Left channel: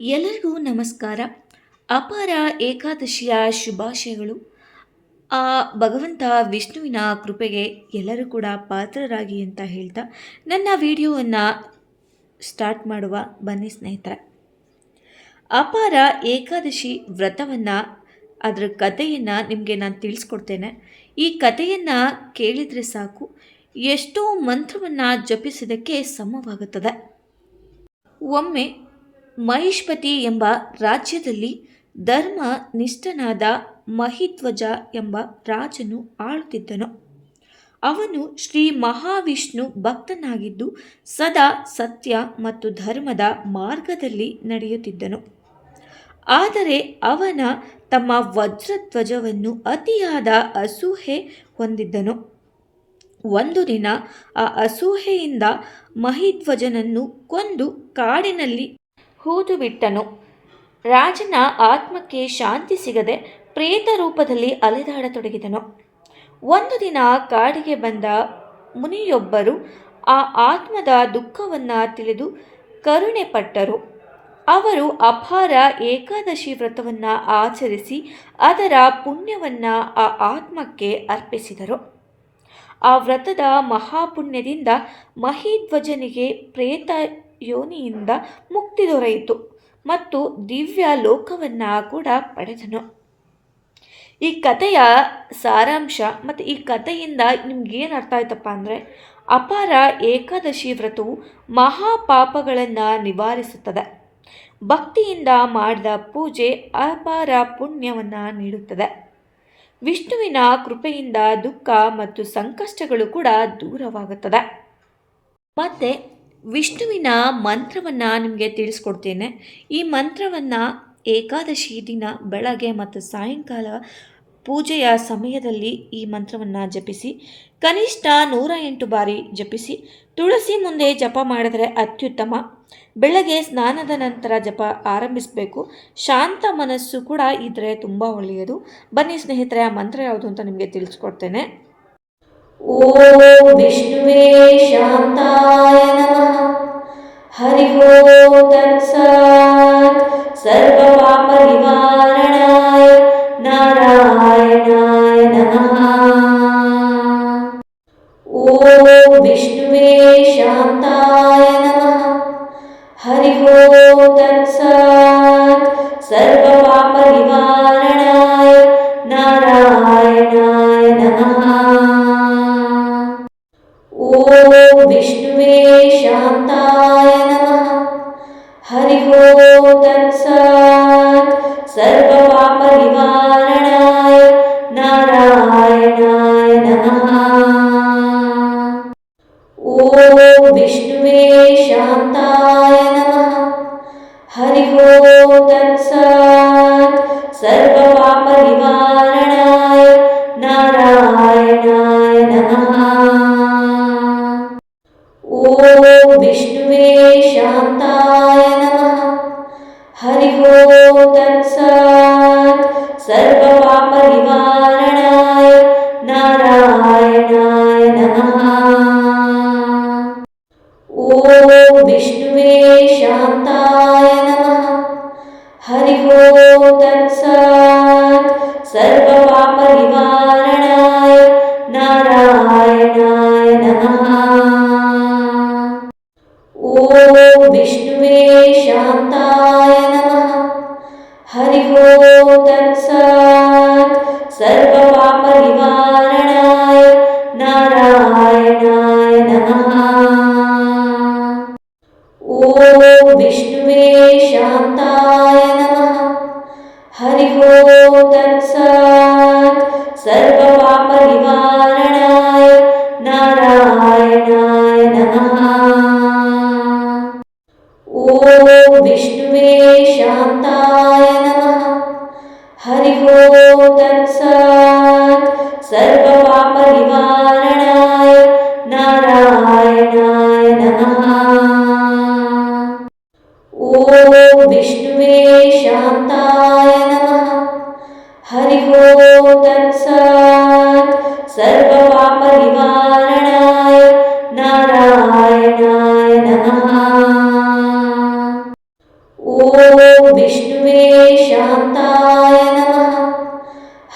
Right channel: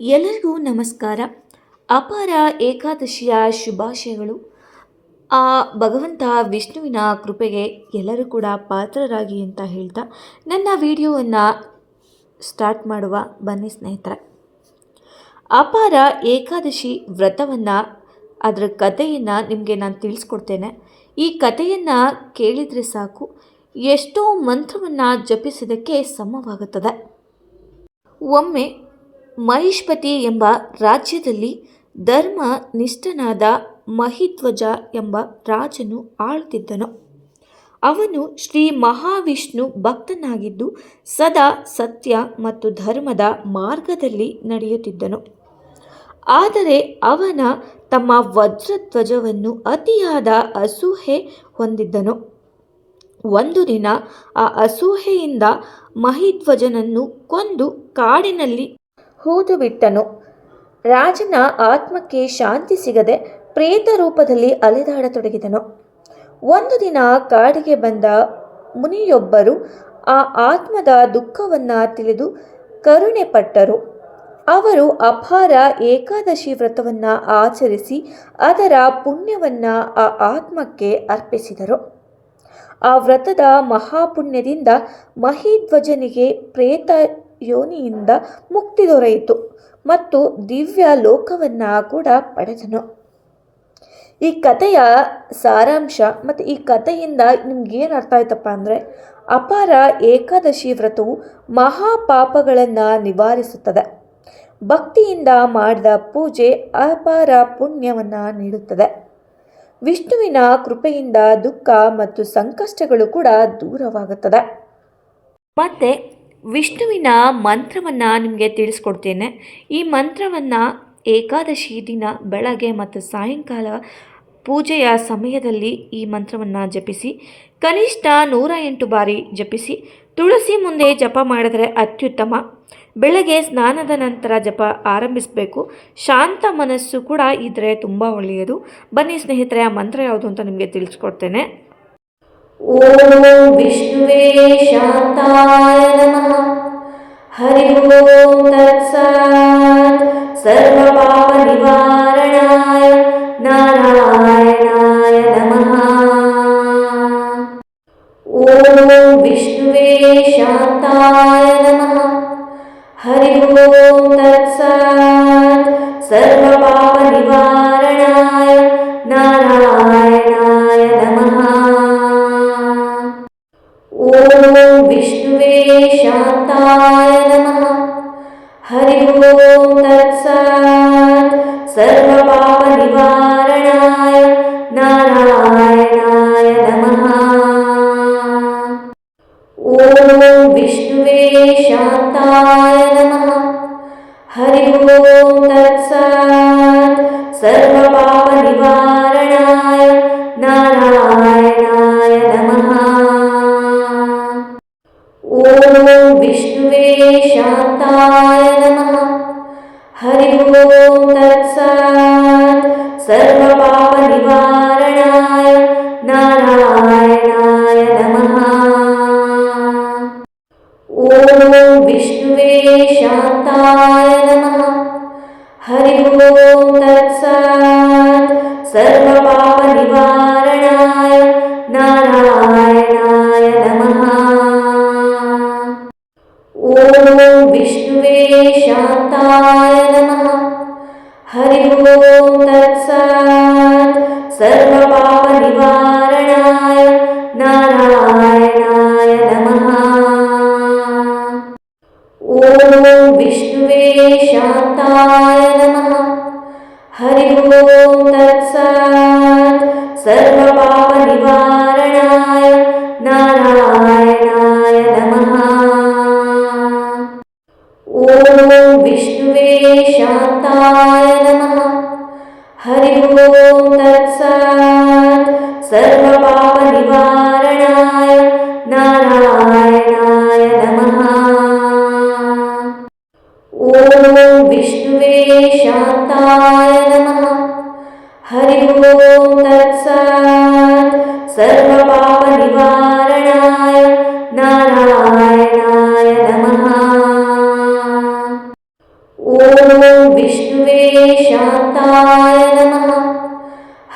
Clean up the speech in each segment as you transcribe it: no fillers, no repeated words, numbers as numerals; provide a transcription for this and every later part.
ಎಲ್ಲರಿಗೂ ನಮಸ್ಕಾರ. ಅಪಾರ ಏಕಾದಶಿಯ ಶುಭಾಶಯಗಳು. ಆ ಭಗವಂತ ವಿಷ್ಣುವಿನ ಕೃಪೆಗೆ ಎಲ್ಲರೂ ಕೂಡ ಪಾತ್ರರಾಗಿ ಅಂತ ಹೇಳ್ತಾ ನನ್ನ ವಿಡಿಯೋವನ್ನು ಸ್ಟಾರ್ಟ್ ಮಾಡುವ ಬನ್ನಿ ಸ್ನೇಹಿತರೆ. ಅಪಾರ ಏಕಾದಶಿ ವ್ರತವನ್ನು ಅದರ ಕಥೆಯನ್ನು ನಿಮಗೆ ನಾನು ತಿಳಿಸ್ಕೊಡ್ತೇನೆ. ಈ ಕಥೆಯನ್ನು ಕೇಳಿದರೆ ಸಾಕು, ಎಷ್ಟೋ ಮಂತ್ರವನ್ನು ಜಪಿಸಿದ್ದಕ್ಕೆ ಸಮವಾಗುತ್ತದೆ. ಒಮ್ಮೆ ಮಹಿಷ್ಪತಿ ಎಂಬ ರಾಜ್ಯದಲ್ಲಿ ಧರ್ಮ ನಿಷ್ಠನಾದ ಮಹಿಧ್ವಜ ಎಂಬ ರಾಜನು ಆಳುತ್ತಿದ್ದನು. ಅವನು ಶ್ರೀ ಮಹಾವಿಷ್ಣು ಭಕ್ತನಾಗಿದ್ದು ಸದಾ ಸತ್ಯ ಮತ್ತು ಧರ್ಮದ ಮಾರ್ಗದಲ್ಲಿ ನಡೆಯುತ್ತಿದ್ದನು. ಆದರೆ ಅವನ ತಮ್ಮ ವಜ್ರಧ್ವಜವನ್ನು ಅತಿಯಾದ ಅಸೂಹೆ ಹೊಂದಿದ್ದನು. ಒಂದು ದಿನ ಆ ಅಸೂಹೆಯಿಂದ ಮಹಿಧ್ವಜನನ್ನು ಕೊಂದು ಕಾಡಿನಲ್ಲಿ ಹೂದು ಬಿಟ್ಟನು. ರಾಜನ ಆತ್ಮಕ್ಕೆ ಶಾಂತಿ ಸಿಗದೆ ಪ್ರೇತ ರೂಪದಲ್ಲಿ ಅಲೆದಾಡತೊಡಗಿದನು. ಒಂದು ದಿನ ಕಾಡಿಗೆ ಬಂದ ಮುನಿಯೊಬ್ಬರು ಆ ಆತ್ಮದ ದುಃಖವನ್ನು ತಿಳಿದು ಕರುಣೆ ಪಟ್ಟರು. ಅವರು ಅಪಾರ ಏಕಾದಶಿ ವ್ರತವನ್ನು ಆಚರಿಸಿ ಅದರ ಪುಣ್ಯವನ್ನು ಆ ಆತ್ಮಕ್ಕೆ ಅರ್ಪಿಸಿದರು. ಆ ವ್ರತದ ಮಹಾಪುಣ್ಯದಿಂದ ಮಹಿಧ್ವಜನಿಗೆ ಪ್ರೇತ ಯೋನಿಯಿಂದ ಮುಕ್ತಿ ದೊರೆಯಿತು ಮತ್ತು ದಿವ್ಯ ಲೋಕವನ್ನು ಕೂಡ ಪಡೆದನು. ಈ ಕಥೆಯ ಸಾರಾಂಶ ಮತ್ತು ಈ ಕಥೆಯಿಂದ ನಿಮ್ಗೇನು ಅರ್ಥ ಆಯ್ತಪ್ಪ ಅಂದರೆ, ಅಪಾರ ಏಕಾದಶಿ ವ್ರತವು ಮಹಾಪಾಪಗಳನ್ನು ನಿವಾರಿಸುತ್ತದೆ. ಭಕ್ತಿಯಿಂದ ಮಾಡಿದ ಪೂಜೆ ಅಪಾರ ಪುಣ್ಯವನ್ನು ನೀಡುತ್ತದೆ. ವಿಷ್ಣುವಿನ ಕೃಪೆಯಿಂದ ದುಃಖ ಮತ್ತು ಸಂಕಷ್ಟಗಳು ಕೂಡ ದೂರವಾಗುತ್ತದೆ. ಮತ್ತು ವಿಷ್ಣುವಿನ ಮಂತ್ರವನ್ನು ನಿಮಗೆ ತಿಳಿಸ್ಕೊಡ್ತೇನೆ. ಈ ಮಂತ್ರವನ್ನು ಏಕಾದಶಿ ದಿನ ಬೆಳಗ್ಗೆ ಮತ್ತು ಸಾಯಂಕಾಲ ಪೂಜೆಯ ಸಮಯದಲ್ಲಿ ಈ ಮಂತ್ರವನ್ನು ಜಪಿಸಿ. ಕನಿಷ್ಠ 108 ಬಾರಿ ಜಪಿಸಿ. ತುಳಸಿ ಮುಂದೆ ಜಪ ಮಾಡಿದರೆ ಅತ್ಯುತ್ತಮ. ಬೆಳಗ್ಗೆ ಸ್ನಾನದ ನಂತರ ಜಪ ಆರಂಭಿಸಬೇಕು. ಶಾಂತ ಮನಸ್ಸು ಕೂಡ ಇದ್ದರೆ ತುಂಬ ಒಳ್ಳೆಯದು. ಬನ್ನಿ ಸ್ನೇಹಿತರೆ, ಆ ಮಂತ್ರ ಯಾವುದು ಅಂತ ನಿಮಗೆ ತಿಳಿಸ್ಕೊಡ್ತೇನೆ. ಓಂ ವಿಷ್ಣುವೇ ಶಾಂತಾಯ ನಮಃ. ಹರಿ ಓಂ ತತ್ಸತ್. ಸರ್ವ ಪಾಪ ನಿವಾರಣಾಯ ನಾರಾಯಣಾಯ ನಮಃ. ಓಂ ವಿಷ್ಣುವೇ ಶಾಂತಾಯ ನಮಃ. ಹರಿ ಓಂ ತತ್ಸತ್. ಸರ್ವ ಪಾಪ ನಿವಾರಣಾಯ ನಾರಾಯಣಾಯ ನಮಃ. ಓಂ ವಿಷ್ಣುವೇ ಶಾಂತಾಯ ನಮಃ. ಹರಿ ಓಂ ತತ್ಸತ್. ಸರ್ವ ಪಾಪ ನಿವಾರಣಾಯ ನಾರಾಯಣಾಯ ನಮಃ. ಓಂ ವಿಷ್ಣುವೇ ಶಾಂತಾಯ ನಮಃ. ಹರಿ ಓಂ ತತ್ಸತ್. ಸರ್ವ ಪಾಪ ನಿವಾರಣಾಯ ನಾರಾಯಣಾಯ ನಮಃ. ಓಂ ವಿಷ್ಣುವೇ ಶಾಂತಾಯ ನಮಃ. ಹರಿ ಓಂ ತತ್ಸತ್. ಸರ್ವ ಪಾಪ ನಿವಾರಣಾಯ ನಾರಾಯಣಾಯ ನಮಃ. ಓಂ ವಿಷ್ಣುವೇ ಶಾಂತಾಯ ನಮಃ. ಹರಿ ಓಂ ತತ್ಸತ್. ಸರ್ವ ಪಾಪ ನಿವಾರಣಾಯ ನಾರಾಯಣಾಯ ನಮಃ. ಓಂ ವಿಷ್ಣುವೇ ಶಾಂತಾಯ ನಮಃ. ಹರಿ ಓಂ ತತ್ಸತ್. ಸರ್ವ ಪಾಪ ನಿವಾರಣಾಯ ನಾರಾಯಣಾಯ ನಮಃ. ಓಂ ವಿಷ್ಣುವೇ ಶಾಂತಾಯ ನಮಃ. ಹರಿ ಓಂ ತತ್ಸತ್. ಸರ್ವ ಪಾಪ ನಿವಾರಣಾಯ ನಾರಾಯಣಾಯ ನಮಃ. ಓಂ ವಿಷ್ಣುವೇ ಶಾಂತಾಯ ನಮಃ. ಹರಿ ಓಂ ತತ್ಸತ್. ಸರ್ವ ಪಾಪ ನಿವಾರಣಾಯ ನಾರಾಯಣಾಯ ನಮಃ. ಓಂ ವಿಷ್ಣುವೇ ಶಾಂತಾಯ ನಮಃ. ಹರಿ ಓಂ ತತ್ಸತ್. ಸರ್ವ ಪಾಪ ನಿವಾರಣಾಯ ನಾರಾಯಣಾಯ ನಮಃ. ಓಂ ॐ विष्णुवे शान्ताय नमः।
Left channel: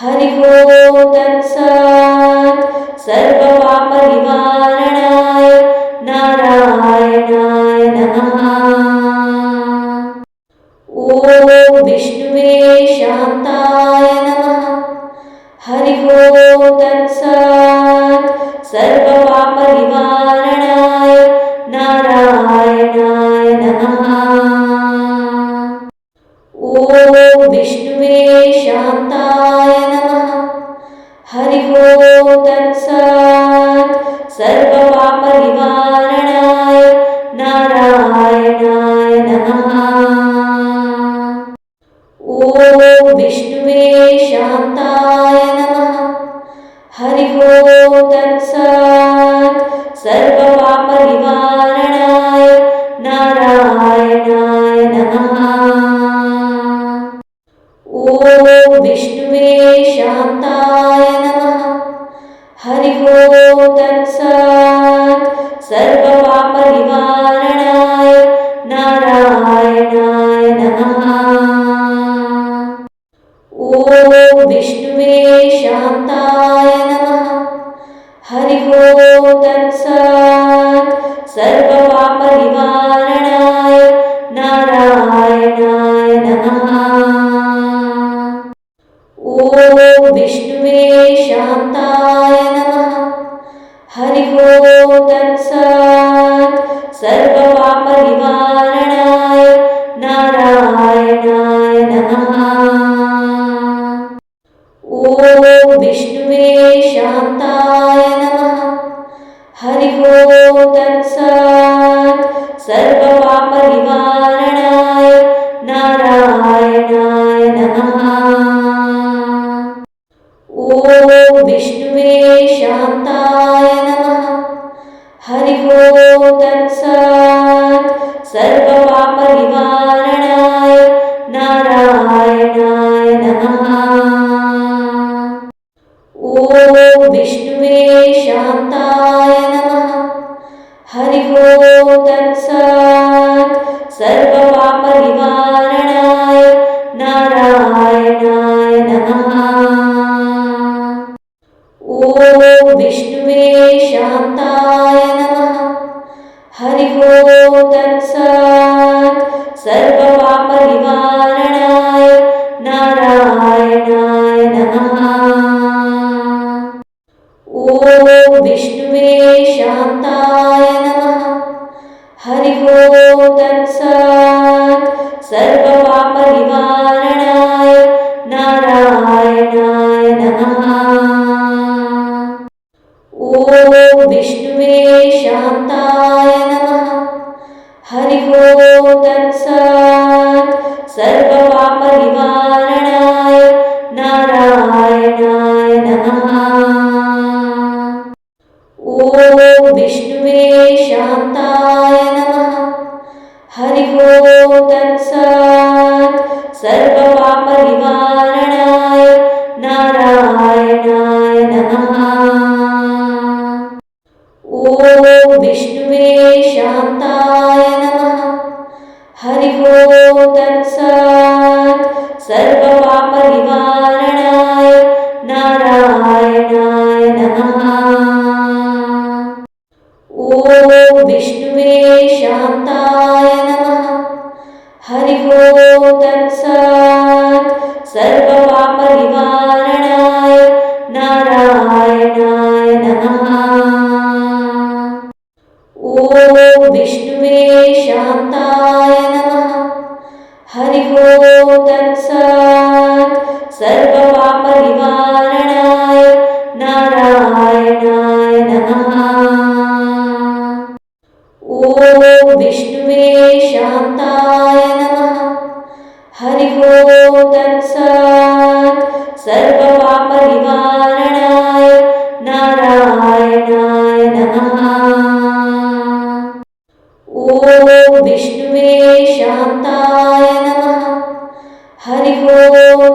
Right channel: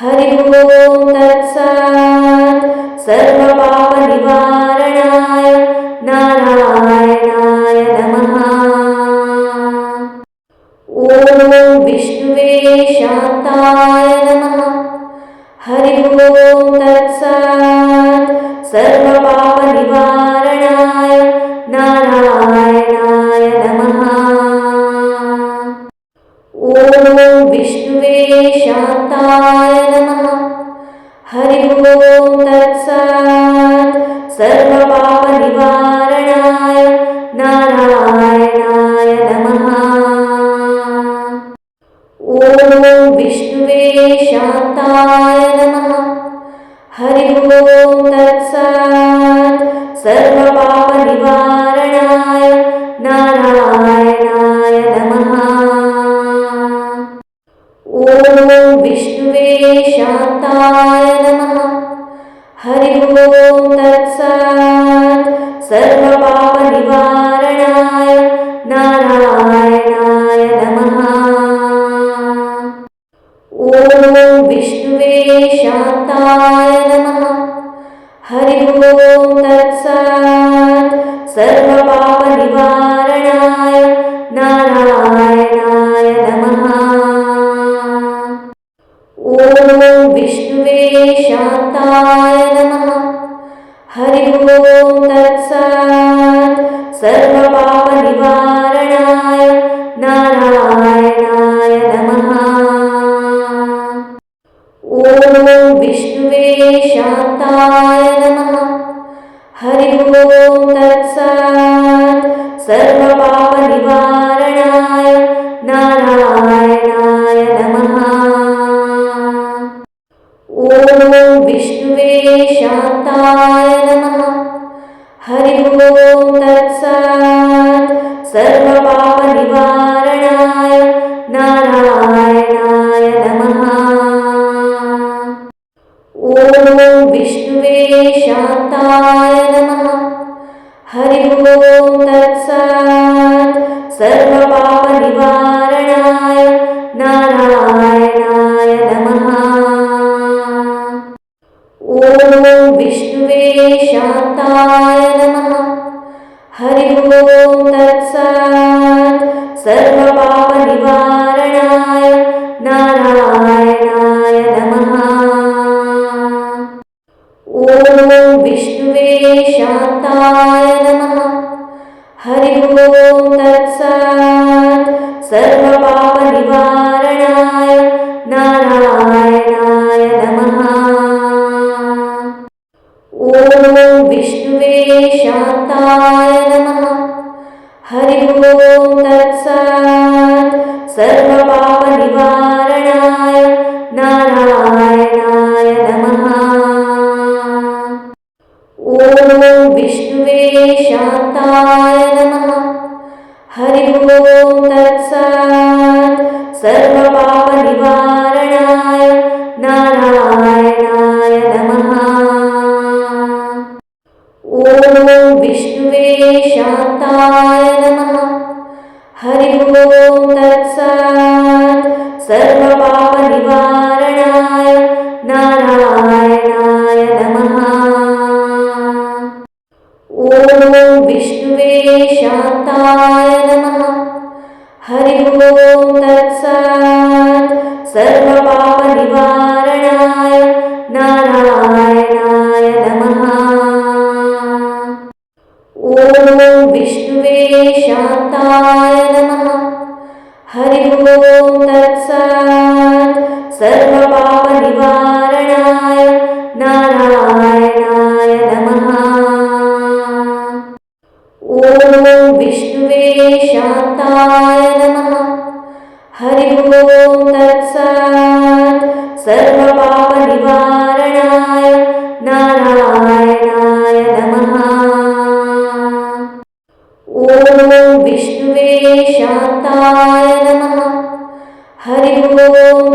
हरिः ॐ तत्सत्। सर्वपापनिवारणाय नारायणाय नमः। ॐ विष्णुवे शान्ताय नमः। हरिः ॐ तत्सत्। सर्वपापनिवारणाय नारायणाय नमः। ॐ विष्णुवे शान्ताय नमः। हरिः ॐ तत्सत्। सर्वपापनिवारणाय नारायणाय नमः। ॐ विष्णुवे शान्ताय नमः। हरिः ॐ तत्सत्। सर्वपापनिवारणाय नारायणाय नमः। ॐ विष्णुवे शान्ताय नमः। हरिः ॐ तत्सत्। सर्वपापनिवारणाय नारायणाय नमः। ॐ विष्णुवे शान्ताय नमः। हरिः ॐ तत्सत्। सर्वपापनिवारणाय नारायणाय नमः। ॐ विष्णुवे शान्ताय नमः। हरिः ॐ तत्सत्। सर्वपापनिवारणाय नारायणाय नमः। ॐ विष्णुवे शान्ताय नमः। हरिः ॐ तत्सत्। सर्वपापनिवारणाय नारायणाय नमः। ॐ विष्णुवे शान्ताय नमः। हरिः ॐ तत्सत्। सर्वपापनिवारणाय नारायणाय नमः। ॐ विष्णुवे शान्ताय नमः। हरिः ॐ तत्सत्। सर्वपापनिवारणाय नारायणाय नमः। ॐ विष्णुवे शान्ताय नमः। हरिः ॐ तत्सत्। सर्वपापनिवारणाय नारायणाय नमः। ॐ विष्णुवे शान्ताय नमः। हरिः ॐ तत्सत्। सर्वपापनिवारणाय नारायणाय नमः। ॐ विष्णुवे शान्ताय नमः। हरिः ॐ तत्सत्। सर्वपापनिवारणाय नारायणाय नमः। ॐ विष्णुवे शान्ताय नमः। हरिः ॐ तत्सत्। सर्वपापनिवारणाय नारायणाय नमः। ॐ विष्णुवे शान्ताय नमः। हरिः ॐ तत्सत्। सर्वपापनिवारणाय नारायणाय नमः। ॐ विष्णुवे शान्ताय नमः। हरिः ॐ तत्सत्। सर्वपापनिवारणाय नारायणाय नमः। ॐ विष्णुवे शान्ताय नमः। हरिः ॐ तत्सत्। सर्वपापनिवारणाय नारायणाय नमः। ॐ विष्णुवे शान्ताय नमः। हरिः ॐ तत्सत्। सर्वपापनिवारणाय नारायणाय नमः। ॐ विष्णुवे शान्ताय नमः। हरिः ॐ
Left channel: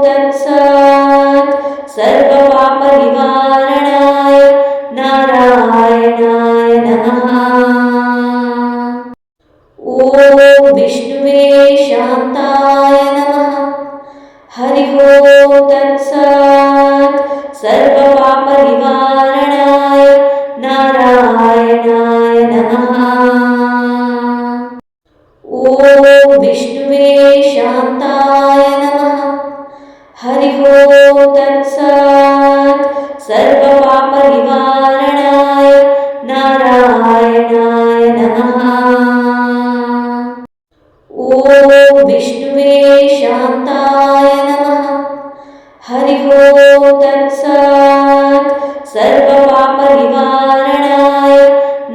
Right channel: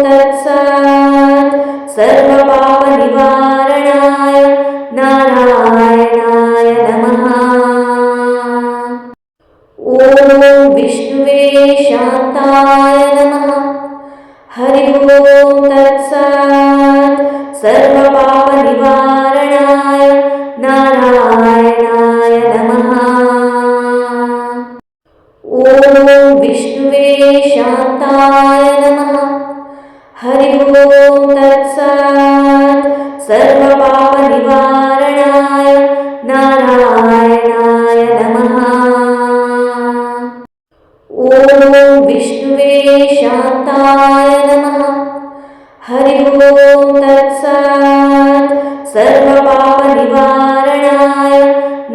तत्सत्। सर्वपापनिवारणाय नारायणाय नमः। ॐ विष्णुवे शान्ताय शान्ताय नमः। हरि ओं तत्सत्। सर्वपापनिवारणाय नारायणाय नमः। ॐ विष्णुवे शान्ताय नमः। हरि ओं तत्सत्। सर्वपापनिवारणाय नारायणाय नमः। ॐ विष्णुवे शान्ताय नमः। हरि ओं तत्सत्। सर्वपापनिवारणाय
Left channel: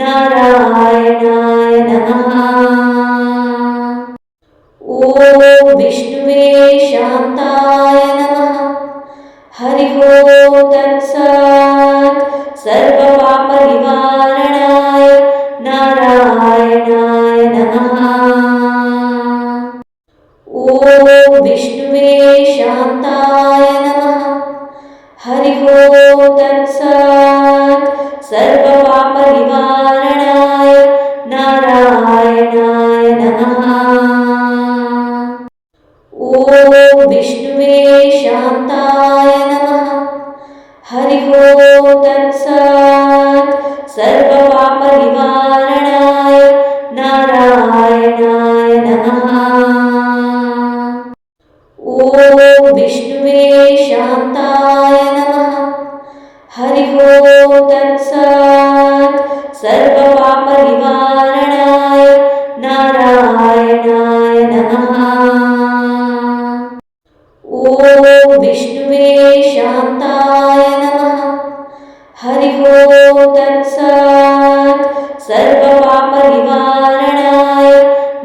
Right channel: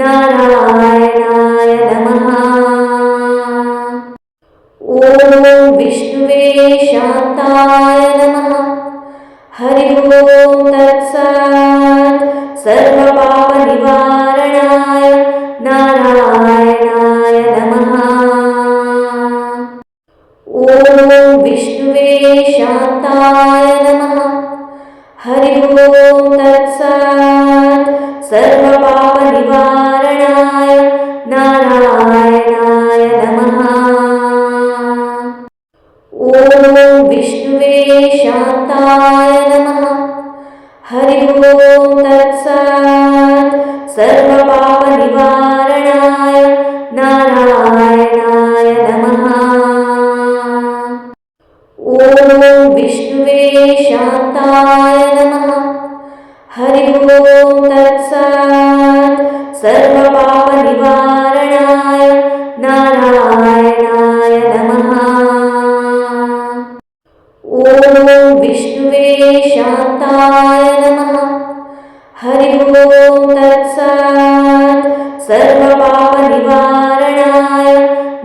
नारायणाय नमः। ॐ विष्णुवे शान्ताय नमः। हरि ओं तत्सत्। सर्वपापनिवारणाय नारायणाय नमः। ॐ विष्णुवे शान्ताय नमः। हरि ओं तत्सत्। सर्वपापनिवारणाय नारायणाय नमः। ॐ विष्णुवे शान्ताय नमः। हरि ओं तत्सत्। सर्वपापनिवारणाय नारायणाय नमः। ॐ विष्णुवे शान्ताय नमः। हरि ओं तत्सत्। सर्वपापनिवारणाय नारायणाय नमः। ॐ विष्णुवे शान्ताय नमः। हरि ओं तत्सत्। सर्वपापनिवारणाय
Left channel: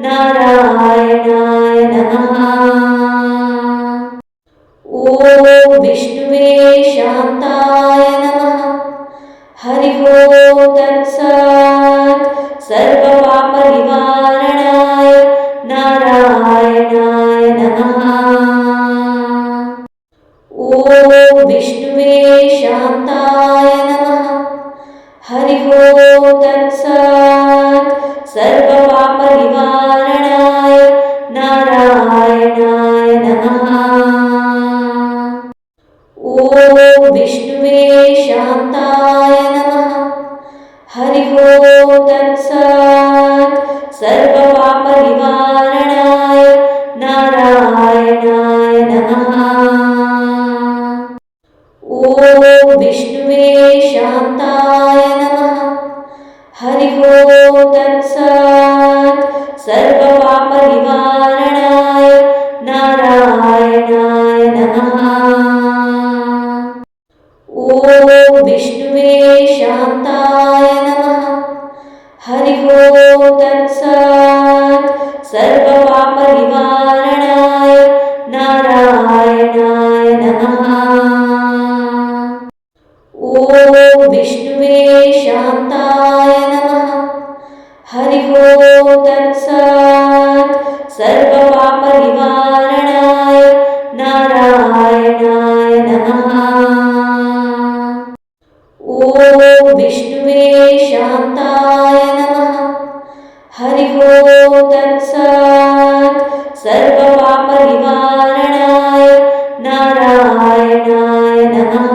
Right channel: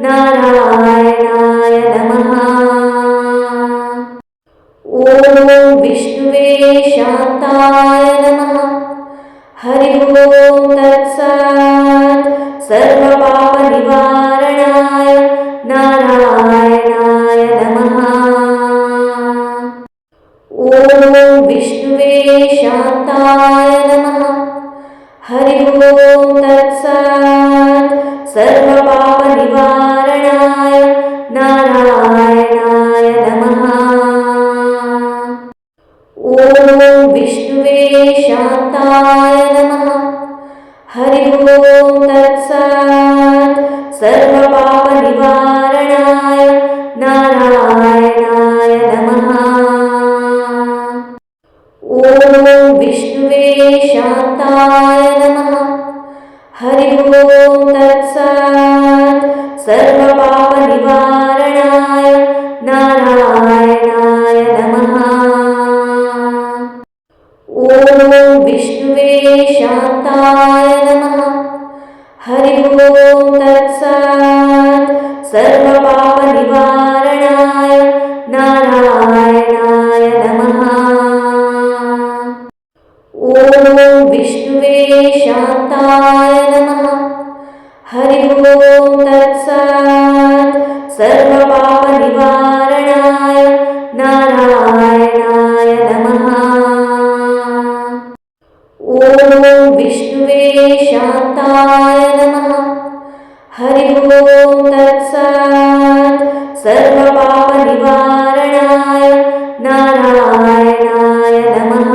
नारायणाय नमः। ॐ विष्णुवे शान्ताय नमः। हरि ओं तत्सत्। सर्वपापनिवारणाय नारायणाय नमः। ॐ विष्णुवे शान्ताय नमः। हरि ओं तत्सत्। सर्वपापनिवारणाय नारायणाय नमः। ॐ विष्णुवे शान्ताय नमः। हरि ओं तत्सत्। सर्वपापनिवारणाय नारायणाय नमः। ॐ विष्णुवे शान्ताय नमः। हरि ओं तत्सत्। सर्वपापनिवारणाय नारायणाय नमः। ॐ विष्णुवे शान्ताय नमः। हरि ओं तत्सत्। सर्वपापनिवारणाय नारायणाय नमः। ॐ विष्णुवे शान्ताय नमः। हरि ओं तत्सत्। सर्वपापनिवारणाय नारायणाय नमः। ॐ विष्णुवे शान्ताय नमः। हरि ओं तत्सत्। सर्वपापनिवारणाय नारायणाय नमः।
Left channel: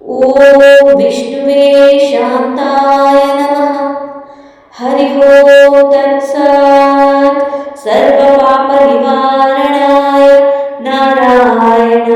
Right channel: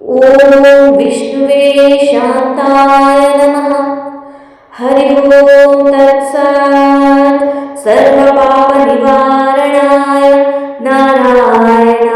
ॐ विष्णुवे शान्ताय नमः। हरि ओं तत्सत्। सर्वपापनिवारणाय नारायणाय